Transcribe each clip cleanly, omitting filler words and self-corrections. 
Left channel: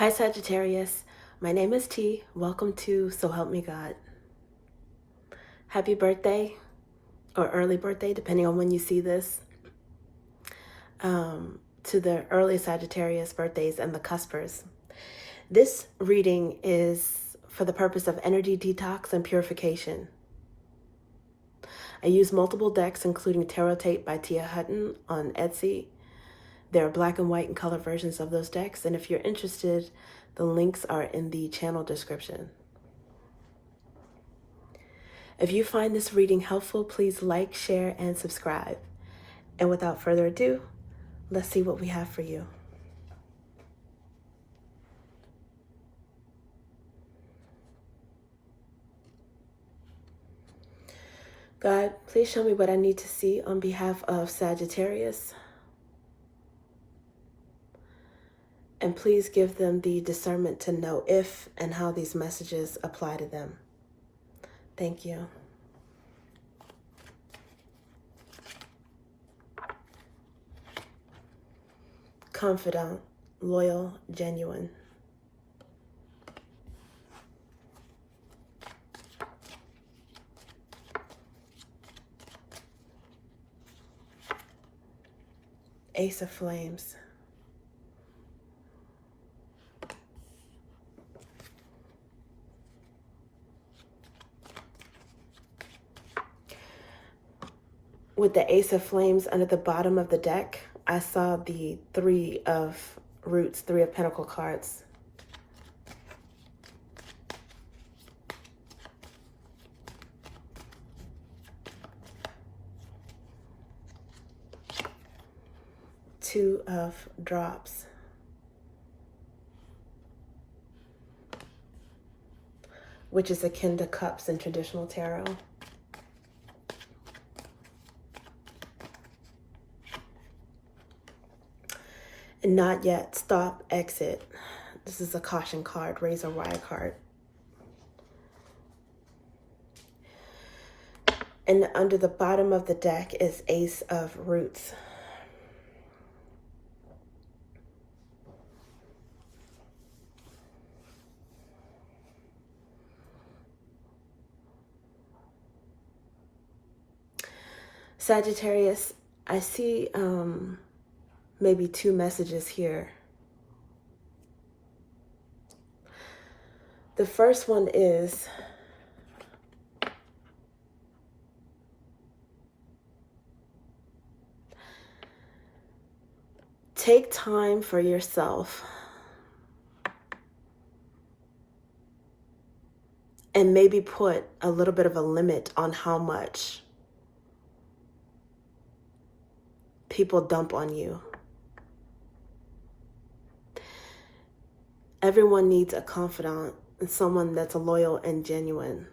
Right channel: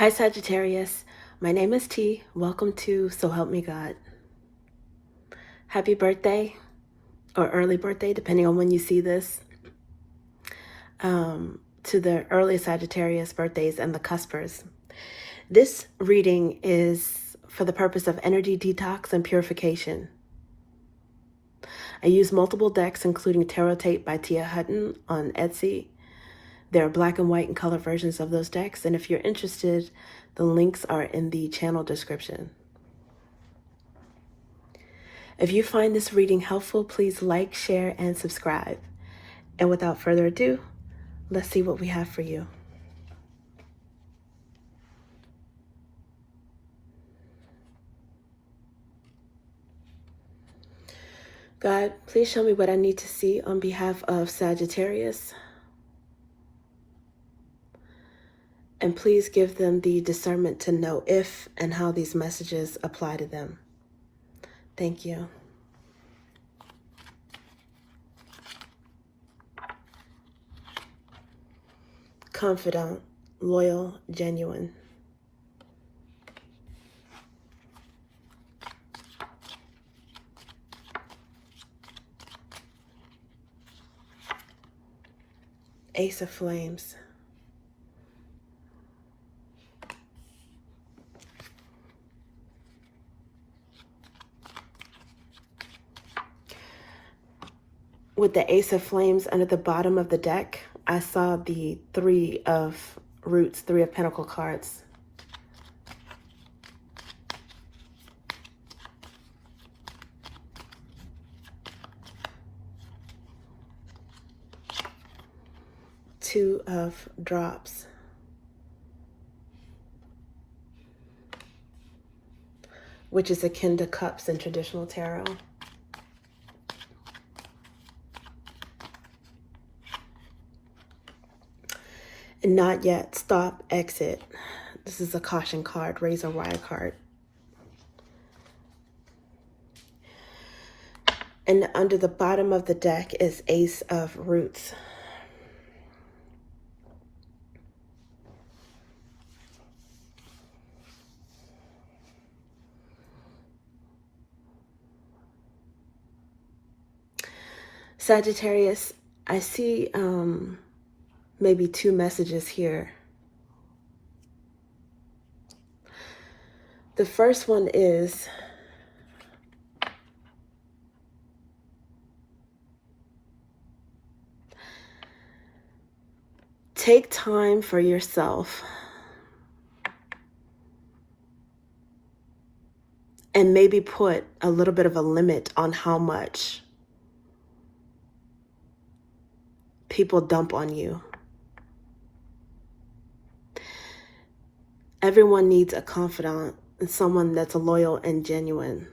Hi Sagittarius, my name is T. Welcome to So Help Me God. Happy birthday or early birthday, depending on when you see this, to the early Sagittarius birthdays and the cuspers. This reading is for the purpose of energy detox and purification. I use multiple decks, including Tarot Tape by Tia Hutton on Etsy. There are black and white and color versions of those decks, and if you're interested, the links are in the channel description. If you find this reading helpful, please like, share, and subscribe. And without further ado, let's see what we have for you. God, please show me what I need to see on behalf of Sagittarius. And please give them the discernment to know if and how these messages apply to them. Thank you. Confidant, loyal, genuine. Ace of Flames. With the Ace of Flames under the bottom of the deck, I saw the Three of Roots, Three of Pentacle cards. Two of Drops. Which is akin to Cups in traditional tarot. And Not Yet, Stop, Exit. This is a caution card, razor wire card. And under the bottom of the deck is Ace of Roots. Sagittarius, I see maybe two messages here. The first one is take time for yourself and maybe put a little bit of a limit on how much people dump on you. Everyone needs a confidant and someone that's loyal and genuine.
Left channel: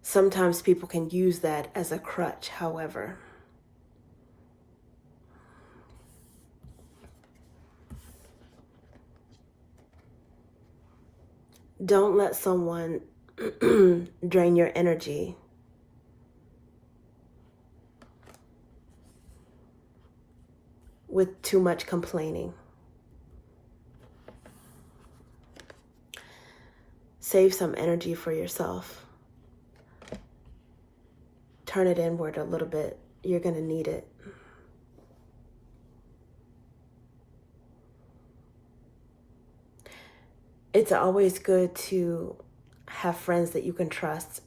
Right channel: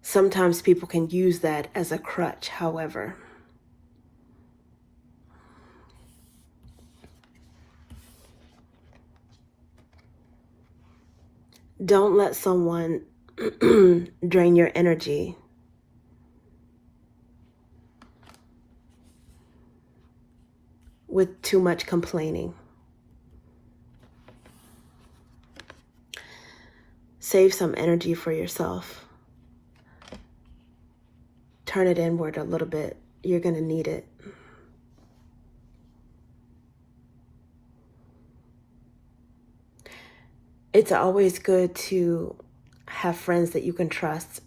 Sometimes people can use that as a crutch, however. Don't let someone drain your energy. With too much complaining. Save some energy for yourself. Turn it inward a little bit. You're going to need it. It's always good to have friends that you can trust.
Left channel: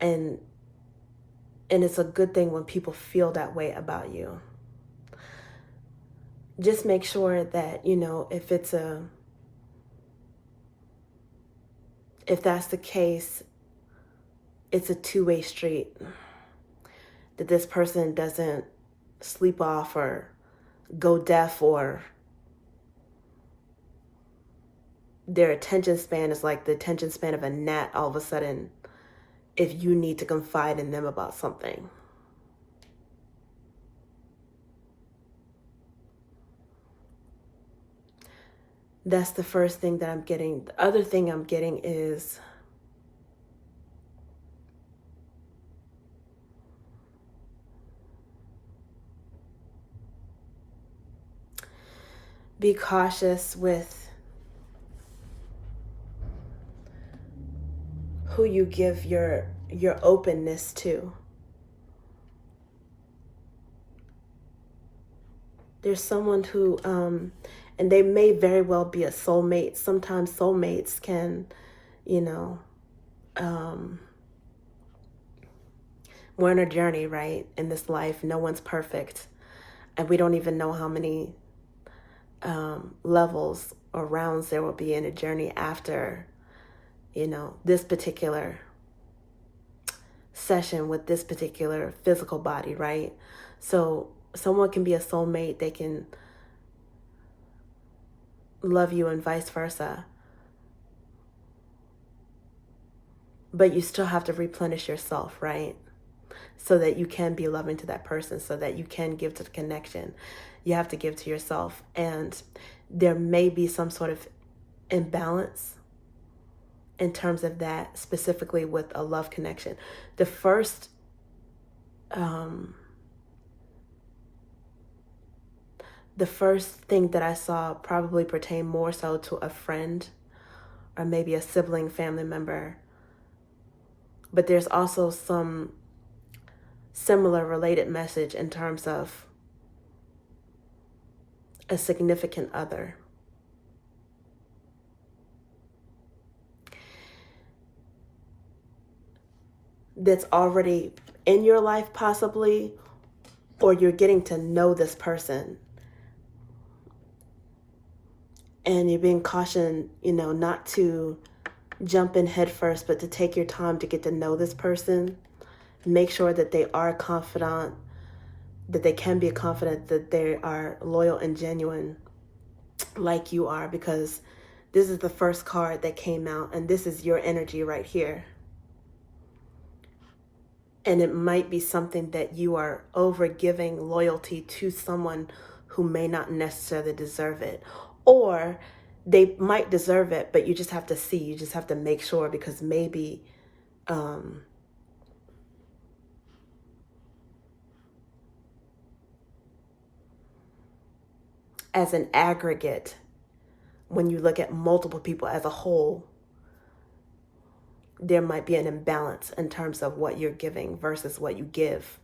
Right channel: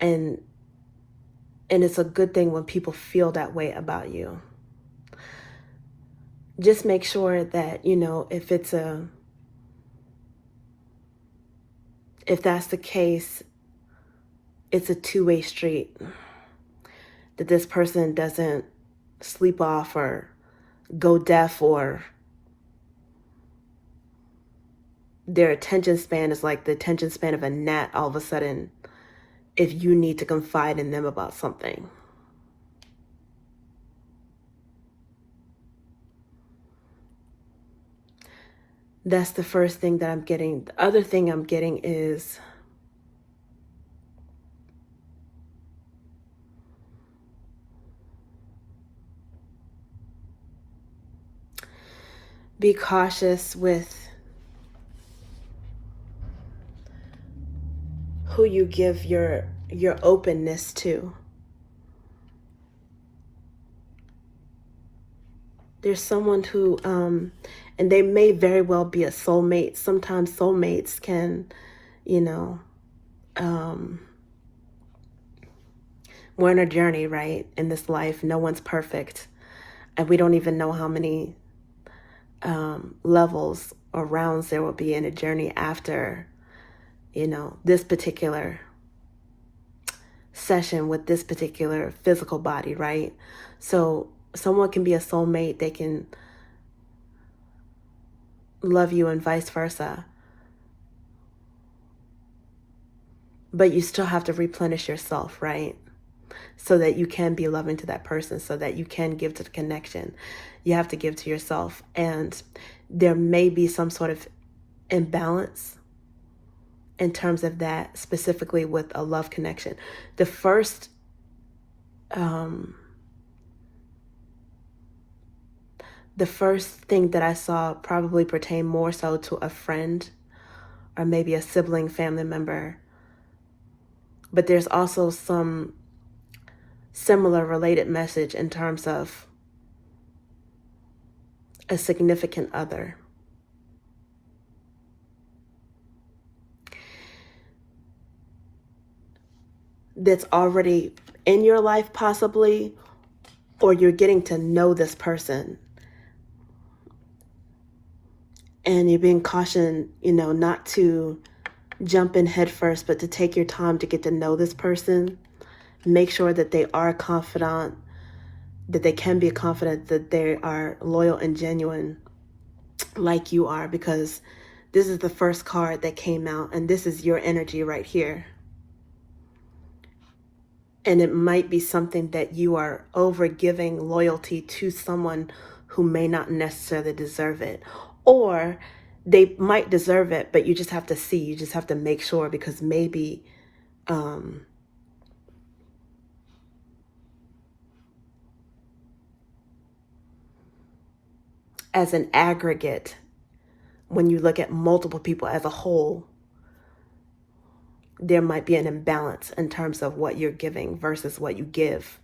And it's a good thing when people feel that way about you. Just make sure that, if that's the case, it's a two-way street. That this person doesn't sleep off or go deaf, or their attention span is like the attention span of a gnat all of a sudden if you need to confide in them about something. That's the first thing that I'm getting. The other thing I'm getting is be cautious with who you give your openness to. There's someone who, and they may very well be a soulmate. Sometimes soulmates can, you know, we're on a journey, right? In this life, no one's perfect. And we don't even know how many levels or rounds there will be in a journey after, this particular session with this particular physical body, right? So someone can be a soulmate. They can love you and vice versa. But you still have to replenish yourself, right? So that you can be loving to that person, so that you can give to the connection. You have to give to yourself. And there may be some sort of imbalance in terms of that, specifically with a love connection. The first thing that I saw probably pertained more so to a friend or maybe a sibling, family member. But there's also some similar related message in terms of a significant other. That's already in your life possibly, or you're getting to know this person. And you're being cautioned, not to jump in head first, but to take your time to get to know this person. Make sure that they are confident, that they can be confident, that they are loyal and genuine like you are, because this is the first card that came out, and this is your energy right here. And it might be something that you are over giving loyalty to someone who may not necessarily deserve it. Or they might deserve it, but you just have to see. You just have to make sure, because maybe as an aggregate, when you look at multiple people as a whole, there might be an imbalance in terms of what you're giving versus what you give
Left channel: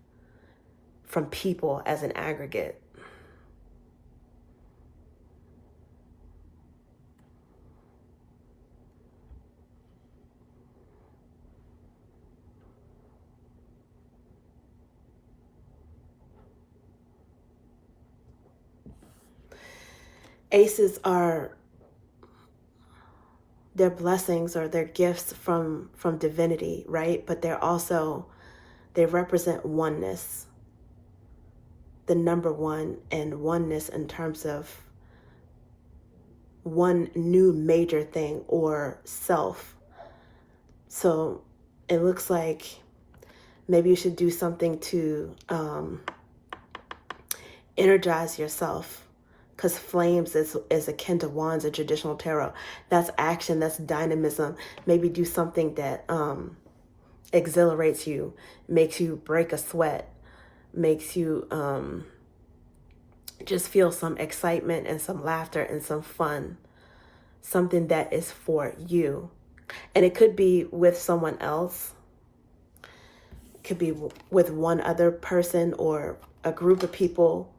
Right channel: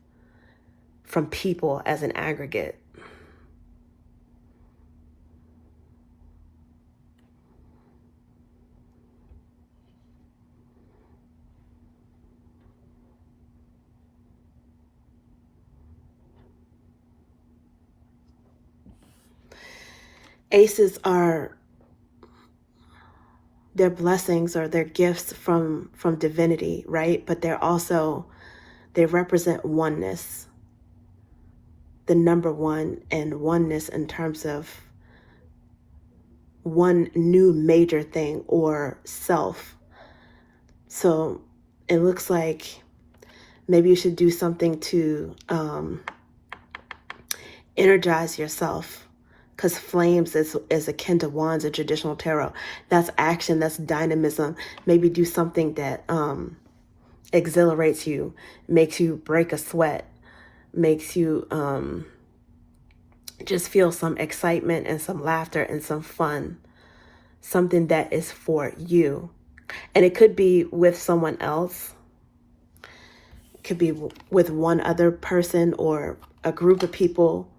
from people as an aggregate. Aces are their blessings or their gifts from divinity, right? But they represent oneness, the number one, and oneness in terms of one new major thing or self. So it looks like maybe you should do something to energize yourself, because flames is akin to wands in traditional tarot. That's action, that's dynamism. Maybe do something that exhilarates you, makes you break a sweat, makes you just feel some excitement and some laughter and some fun. Something that is for you. And it could be with someone else. It could be with one other person or a group of people.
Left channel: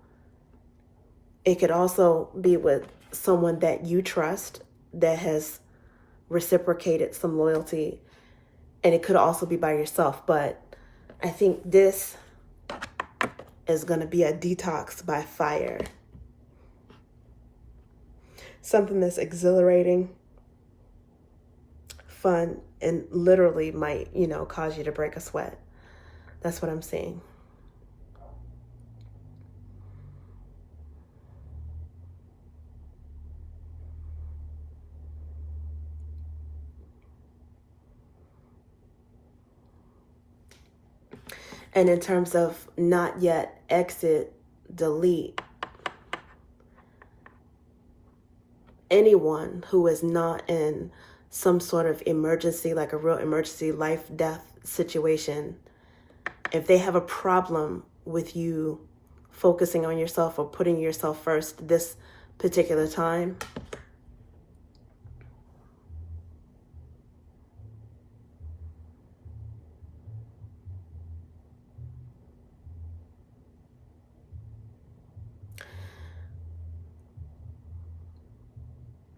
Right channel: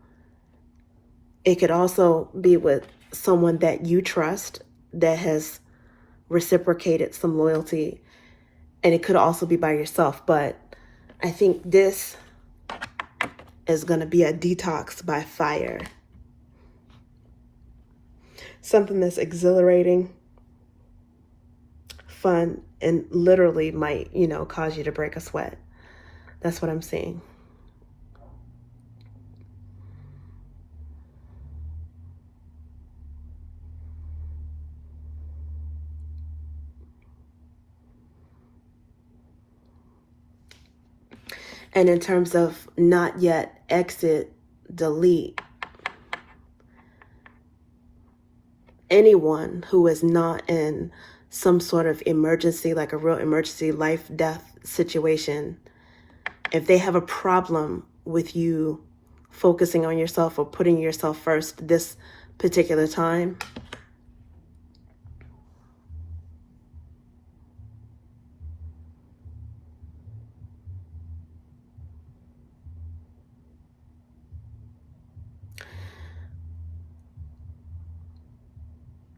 It could also be with someone that you trust that has reciprocated some loyalty. And it could also be by yourself. But I think this is going to be a detox by fire. Something that's exhilarating, fun, and literally might, cause you to break a sweat. That's what I'm seeing. And in terms of not yet, exit, delete, anyone who is not in some sort of emergency, like a real emergency, life, death situation, if they have a problem with you focusing on yourself or putting yourself first, this particular time.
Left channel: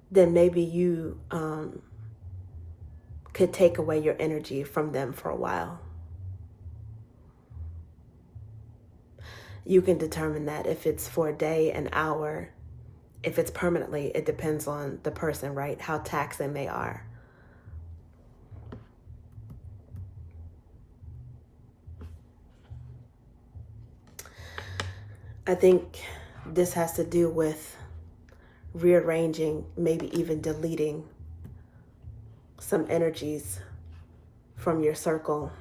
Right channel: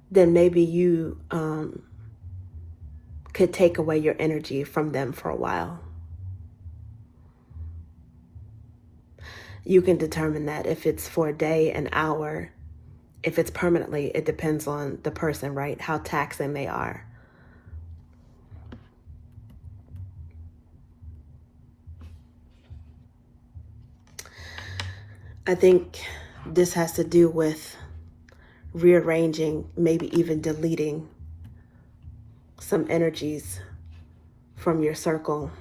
Then maybe you could take away your energy from them for a while. You can determine that if it's for a day, an hour, if it's permanently, it depends on the person, right? How taxing they are. I think this has to do with rearranging, maybe even deleting some energies from your circle.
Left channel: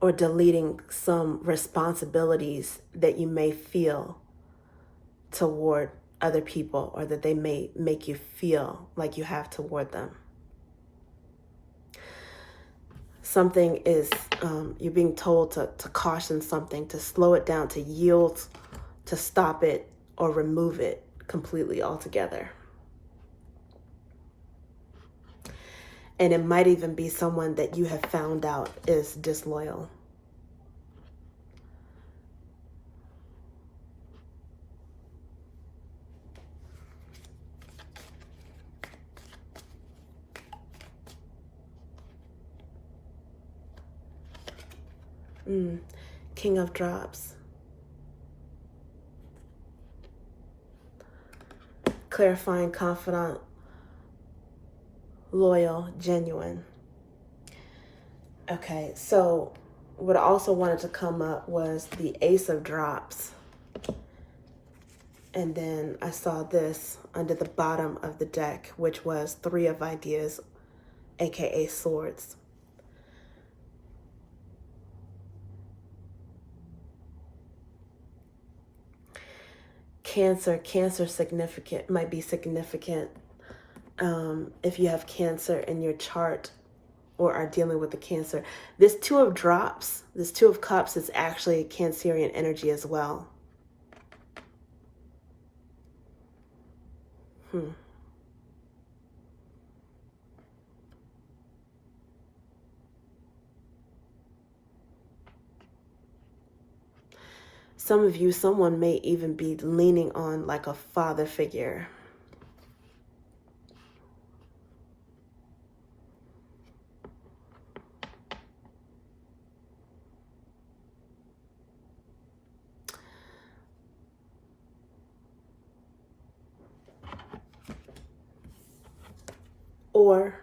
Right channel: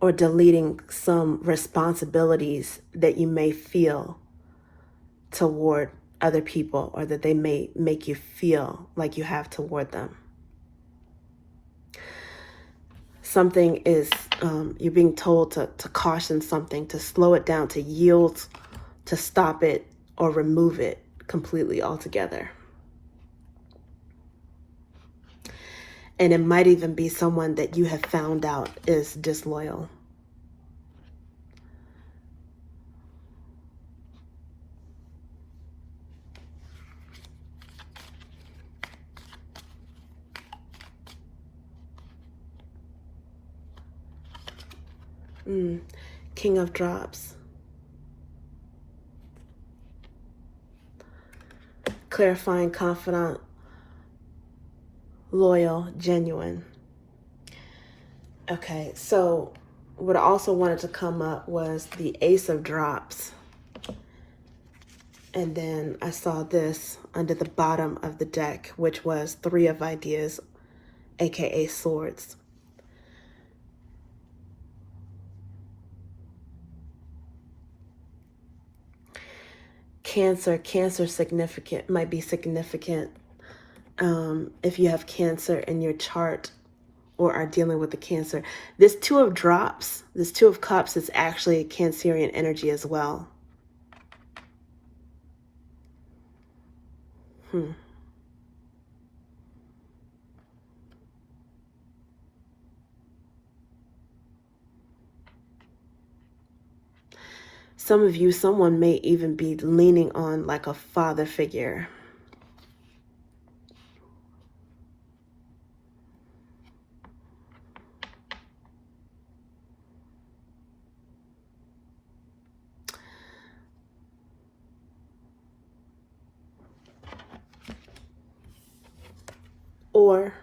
Or deleting some responsibilities that you may feel toward other people, or that they may make you feel like you have toward them. Something is, you're being told to caution something, to slow it down, to yield, to stop it, or remove it completely altogether. And it might even be someone that you have found out is disloyal. King of Drops. Clarifying, confidant, loyal, genuine. Okay, so what I also wanted to come up was the Ace of Drops. And then I saw this under the bottom of the deck, which was Three of Ideas, aka Swords. Cancer significant, might be significant if you have Cancer in your chart or are dealing with the Cancer. This Two of Drops, this Two of Cups is actually Cancerian energy as well. Some of you, someone may even be leaning on like a father figure. Or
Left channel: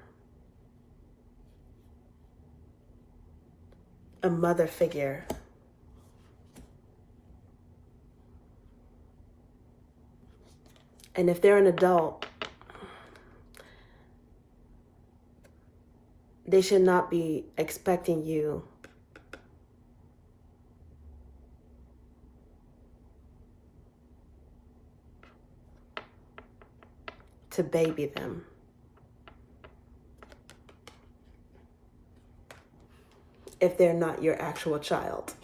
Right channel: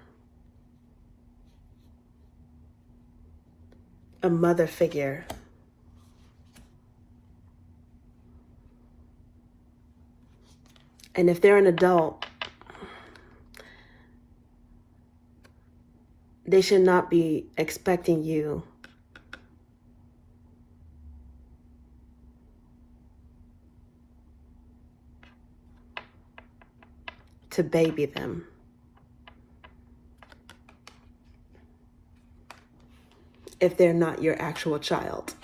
a mother figure. And if they're an adult, they should not be expecting you to baby them. If they're not your actual child.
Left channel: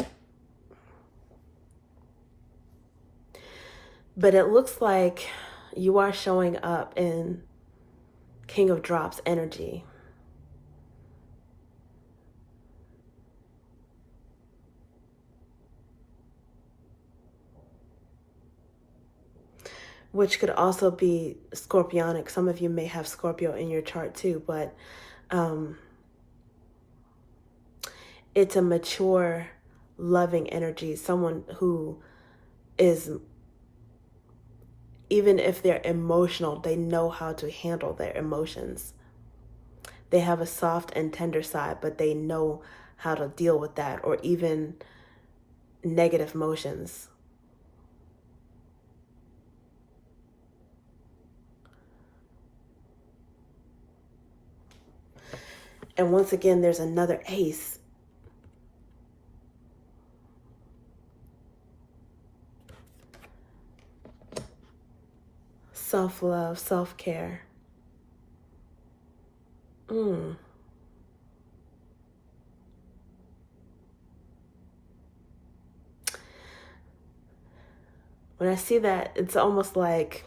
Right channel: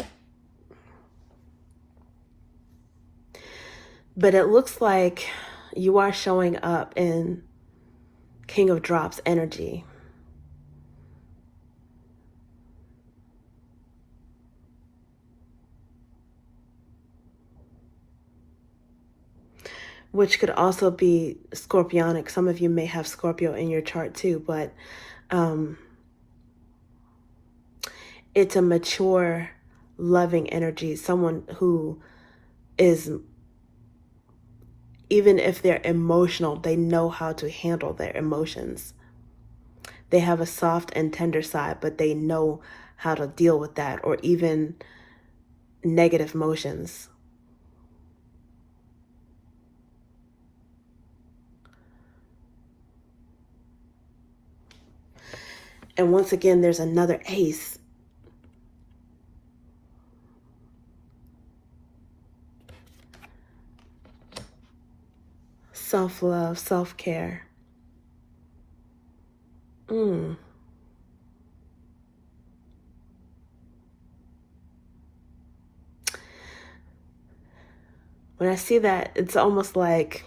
But it looks like you are showing up in King of Drops energy. Which could also be Scorpionic. Some of you may have Scorpio in your chart too, but it's a mature, loving energy. Someone who is, even if they're emotional, they know how to handle their emotions. They have a soft and tender side, but they know how to deal with that, or even negative emotions. And once again, there's another ace. Self-love, self-care. When I see that, it's almost like,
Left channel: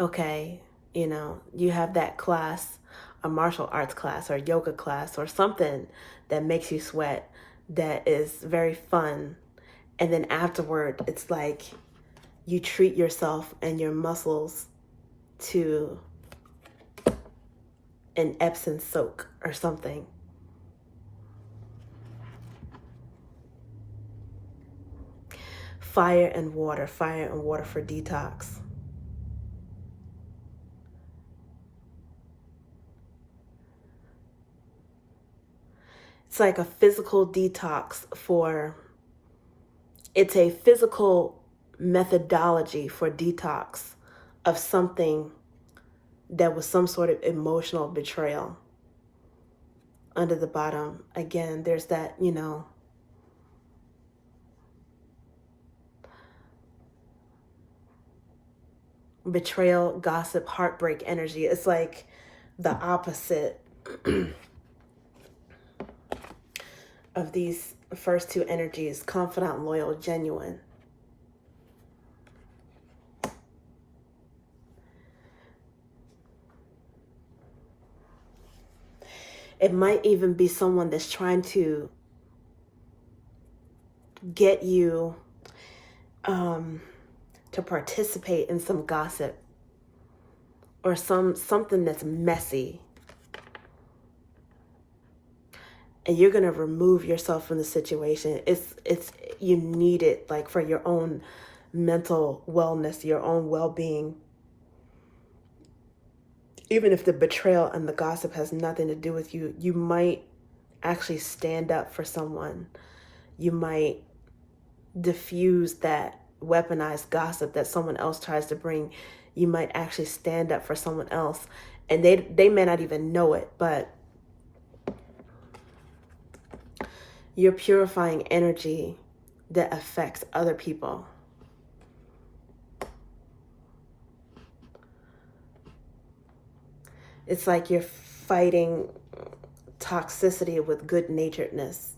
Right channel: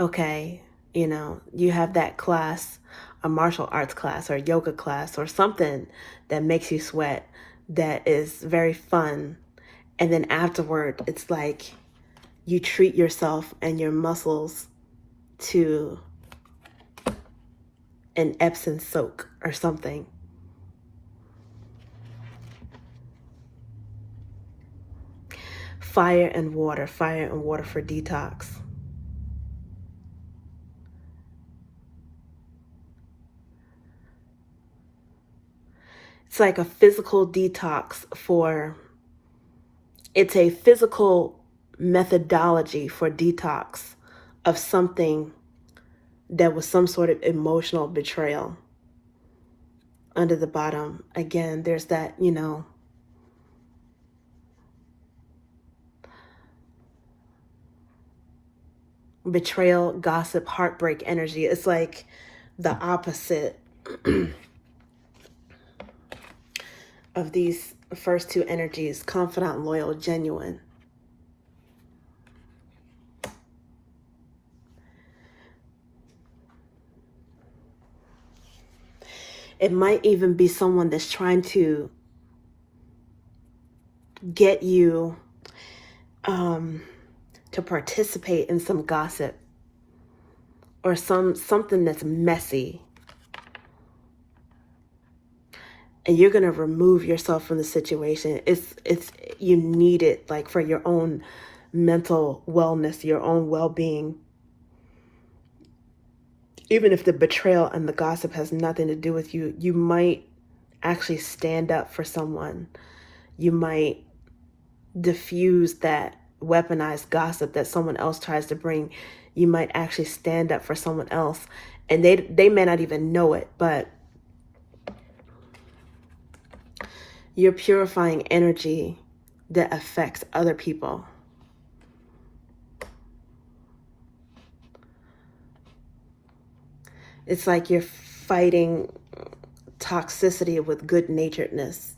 okay, you have that class, a martial arts class or yoga class or something that makes you sweat, that is very fun. And then afterward, it's like you treat yourself and your muscles to an Epsom soak or something. Fire and water for detox. It's like a physical detox it's a physical methodology for detox of something that was some sort of emotional betrayal. Under the bottom, again, there's that, betrayal, gossip, heartbreak energy. It's like the opposite of these first two energies: confident, loyal, genuine. It might even be someone that's trying to get you to participate in some gossip or something that's messy. And you're going to remove yourself from the situation. It's you need it, like, for your own mental wellness, your own well-being. Even if the betrayal and the gossip has nothing to do with you, you might actually stand up for someone. You might diffuse that weaponized gossip that someone else tries to bring. You might actually stand up for someone else, and they may not even know it, but you're purifying energy that affects other people. It's like you're fighting toxicity with good-naturedness,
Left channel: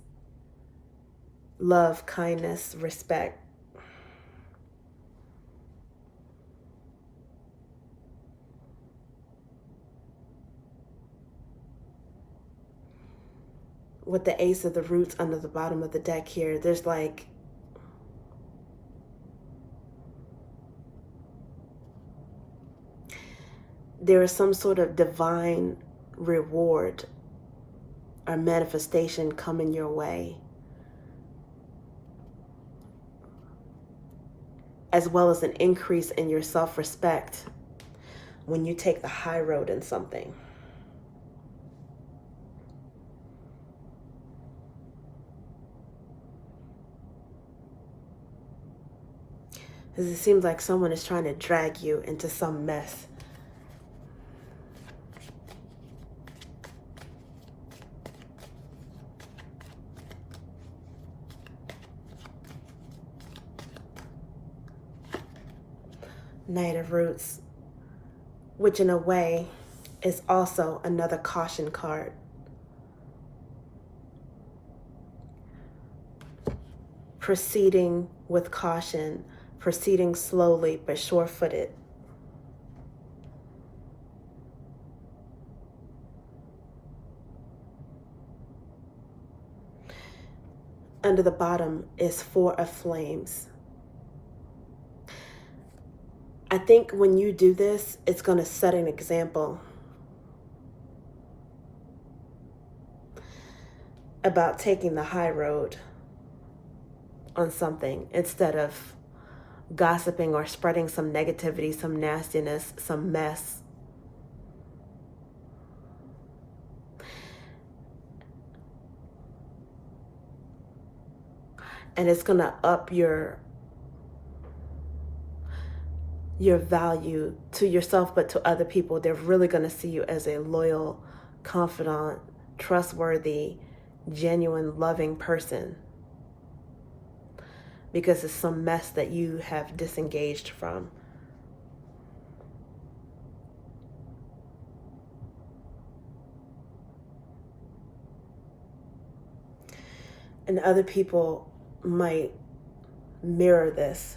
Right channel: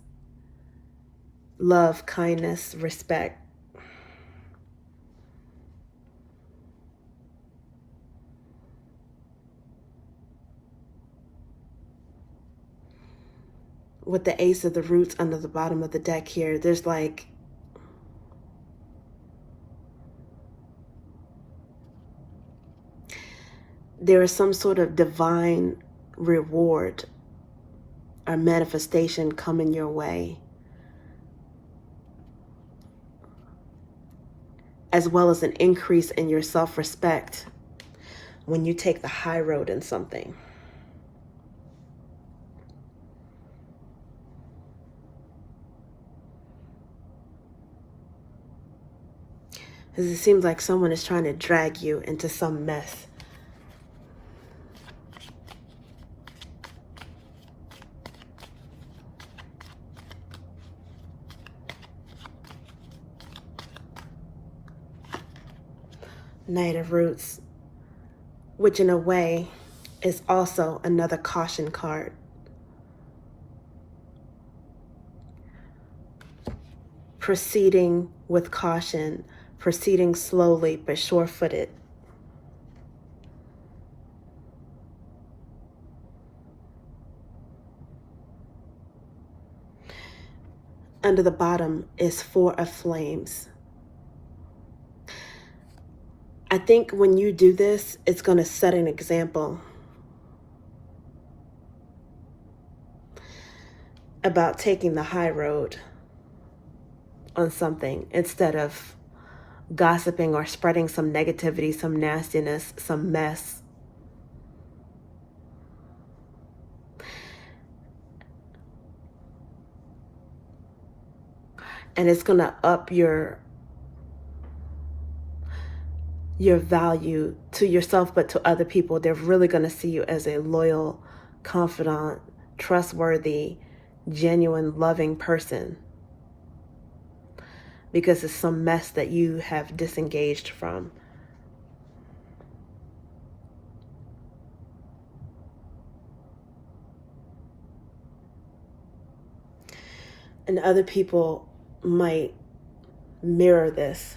love, kindness, respect. With the Ace of the Roots under the bottom of the deck here, there's like there is some sort of divine reward or manifestation coming your way, as well as an increase in your self-respect when you take the high road in something. Because it seems like someone is trying to drag you into some mess. Knight of Roots, which in a way is also another caution card. Proceeding with caution, proceeding slowly but sure-footed. Under the bottom is Four of Flames. I think when you do this, it's going to set an example about taking the high road on something instead of gossiping or spreading some negativity, some nastiness, some mess. And it's going to up your value to yourself, but to other people. They're really going to see you as a loyal, confident, trustworthy, genuine, loving person, because it's some mess that you have disengaged from. And other people might mirror this.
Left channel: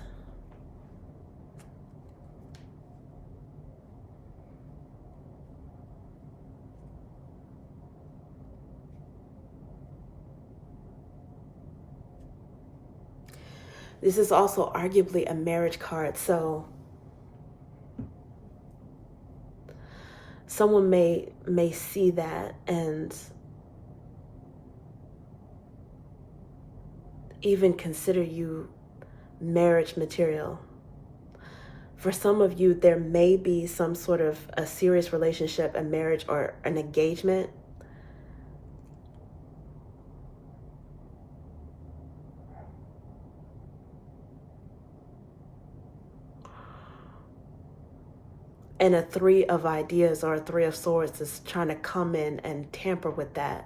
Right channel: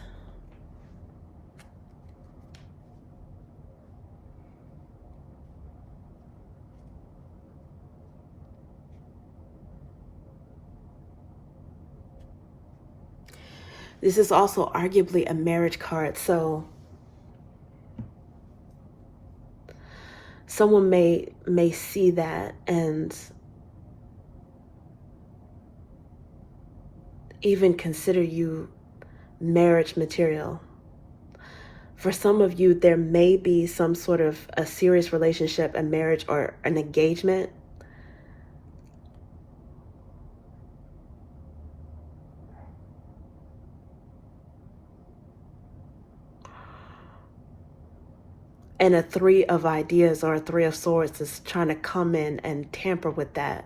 This is also arguably a marriage card, so someone may see that and even consider you marriage material. For some of you, there may be some sort of a serious relationship, a marriage, or an engagement. And a three of ideas or a three of swords is trying to come in and tamper with that.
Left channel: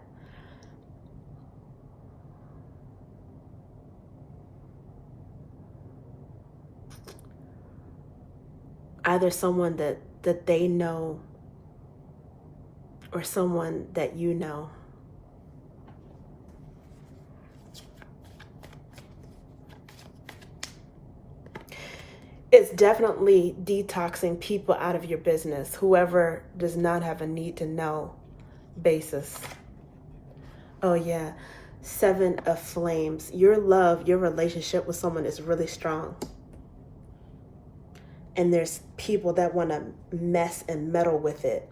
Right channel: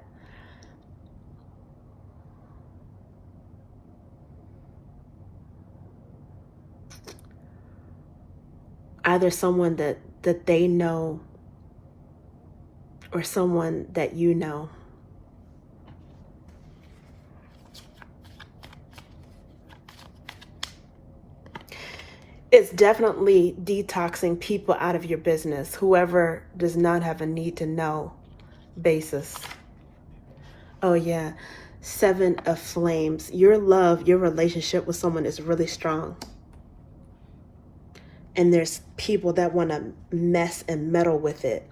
Either someone that they know or someone that you know. It's definitely detoxing people out of your business, whoever does not have a need to know basis. Oh yeah, 7 of flames. Your love, your relationship with someone is really strong. And there's people that want to mess and meddle with it.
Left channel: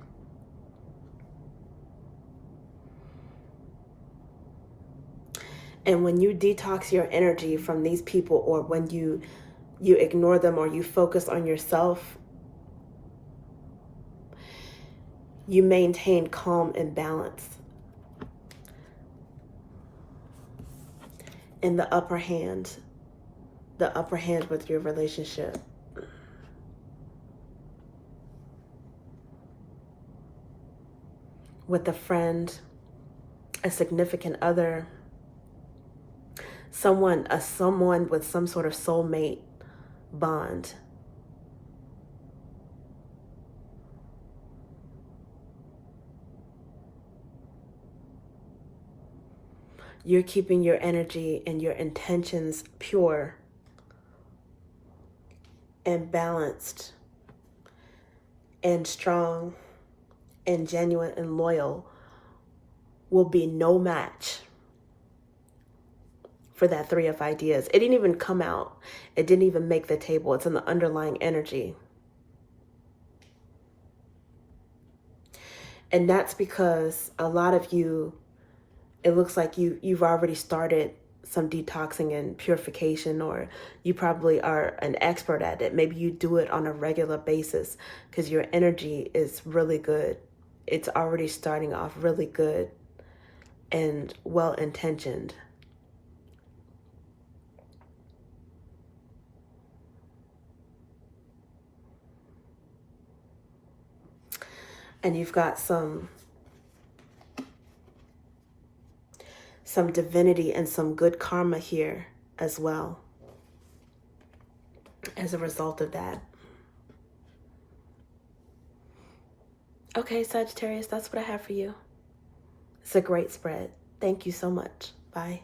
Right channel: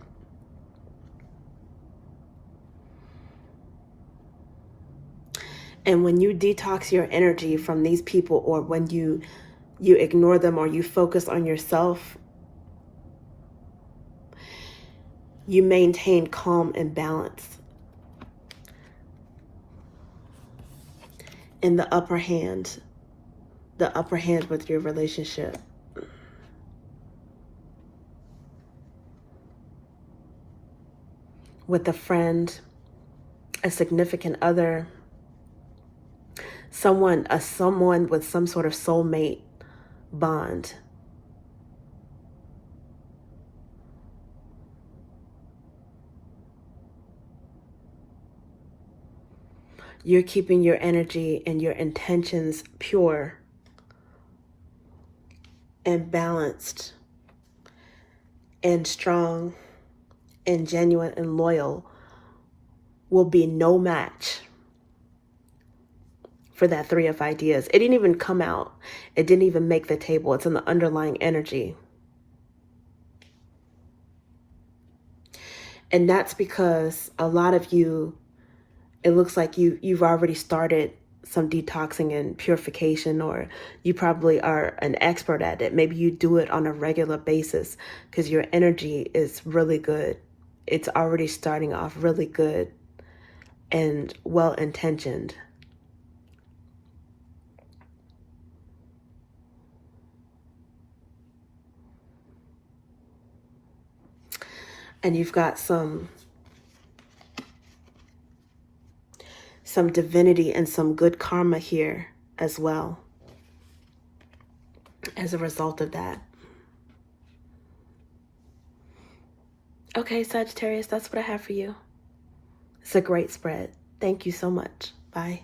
And when you detox your energy from these people, or when you ignore them, or you focus on yourself, you maintain calm and balance. In the upper hand with your relationship. With a friend, a significant other, someone with some sort of soulmate bond. You're keeping your energy and your intentions pure and balanced and strong and genuine and loyal. Will be no match for that 3 of ideas. It didn't even come out. It didn't even make the table. It's in the underlying energy. And that's because a lot of you, it looks like you've already started some detoxing and purification, or you probably are an expert at it. Maybe you do it on a regular basis because your energy is really good. It's already starting off really good and well-intentioned. And you've got some divinity and some good karma here as well as a result of that. Okay, Sagittarius, that's what I have for you. It's a great spread. Thank you so much. Bye.